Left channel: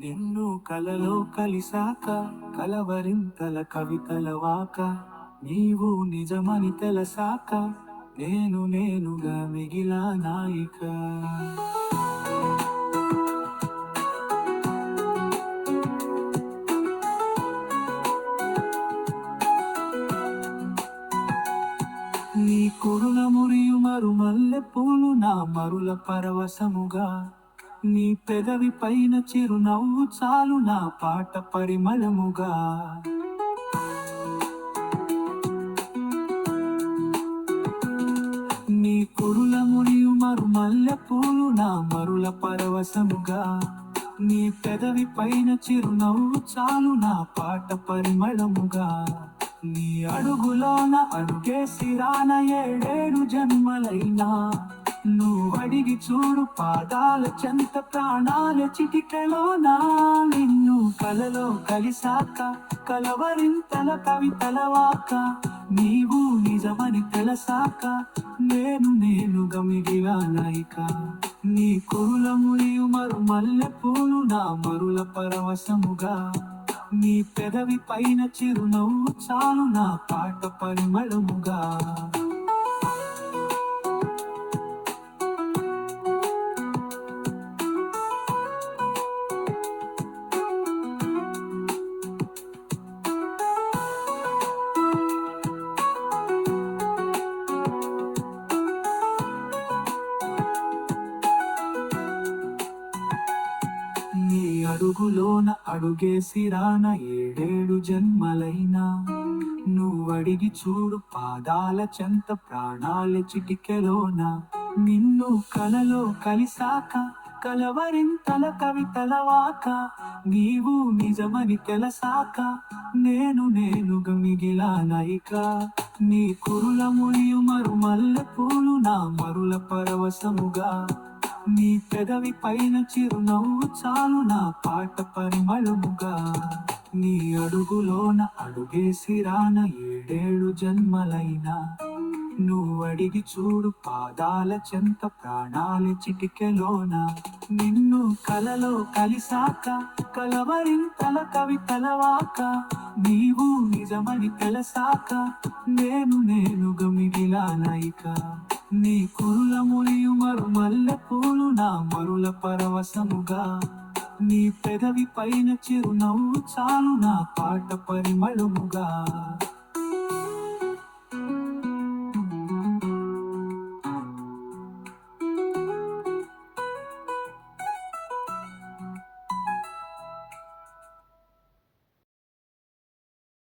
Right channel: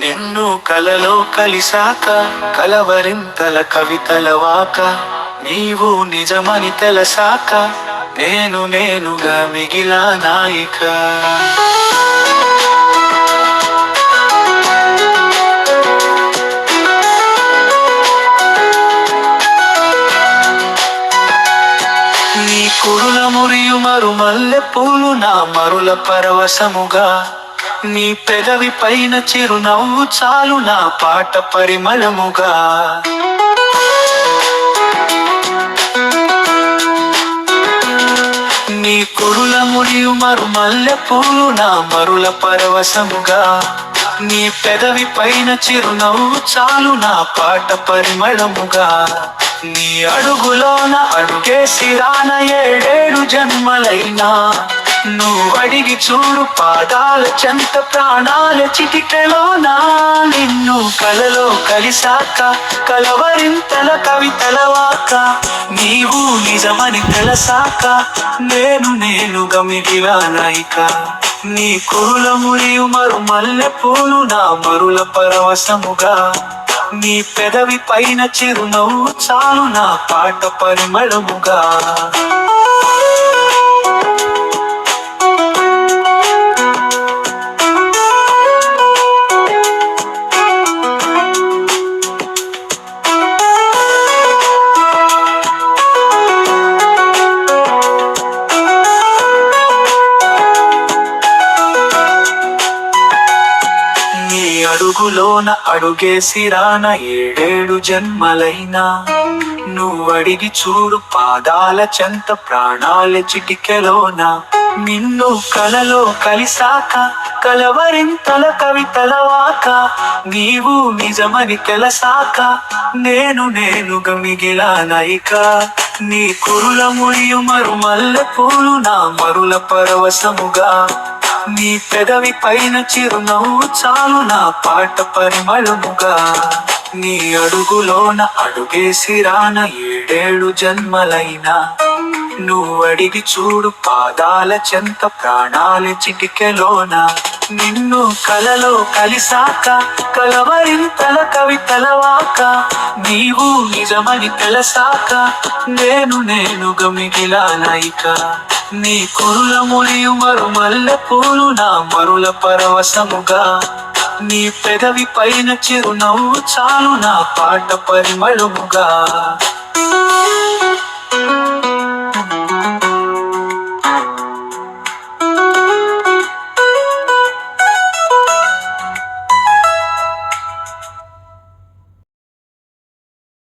నిన్ను కలలో కలిసాక కలవరింతల కవితల వాక నీవు నిజమని తెలసాక నేను నేనుగా మిగిలా నాయిక. నీ కురుల మురియు మరు మల్లె పూలు నా మరుల పరవశముగా నీ పెదవి పైన చిరునవ్వు చాలు నా పాట పరిమళముగా. నీ కురుల మురియు మరు మల్లె పూలు నా మరుల పరవశముగా. నీ పెదవి పైన చిరునవ్వు చాలు నా పాట పరిమళముగా. నీ అడుగులోన అడుగేసి రాన ఏడేడు జన్మలైనా. నువ్వు అడిగి చూడు పాదాల చెంత ప్రాణాల చిటికెలోనా నిన్ను కలలో కలిసాక కలవరింతల కవితల నీవు నిజమని తెలసాక నేను నేనుగా మిగిలానాయిక నీ కురుల మురియు మరు మల్లె పూలు నా మరుల పరవశముగా. నీ పెదవి పైన చిరునవ్వు చాలు నా పాట పరిమళముగా. అడుగులోన అడుగే సిరాన ఏడేడు జన్మలైనా. నువ్వు అడిగి చూడు పాదాల చెంత ప్రాణాల చిటికెలోన. నిన్ను కలలో కలిసాక కలవరింతల కవితలవాక నీవు నిజమని తెలసాక నేను నేనుగా మిగిలానైక నీ కురుల మురియు మరుమల్ల పూలు నా మరుల పరవశముగా. నీ పెదవి పైన చిరునవ్వు చాలు నా పాట పరిమళముగా. నీ అడుగులోన అడుగేసి రాన ఏడేడు జన్మలైనా. నువ్వు అడిగి చూడు పాదాల చెంత ప్రాణాల చిటికెలోన. నిన్ను కలలో కలిసాక కలవరింతల కవి వాక నీవు నిజమని తెలసాక నేను గమిగిలా మిగిలానైక నీ కురుల మురియు మరు మల్లె పూలు నా మరుల పరవశముగా. నీ పెదవి పైన చిరునవ్వు చాలు నా పాట పరిమళముగా.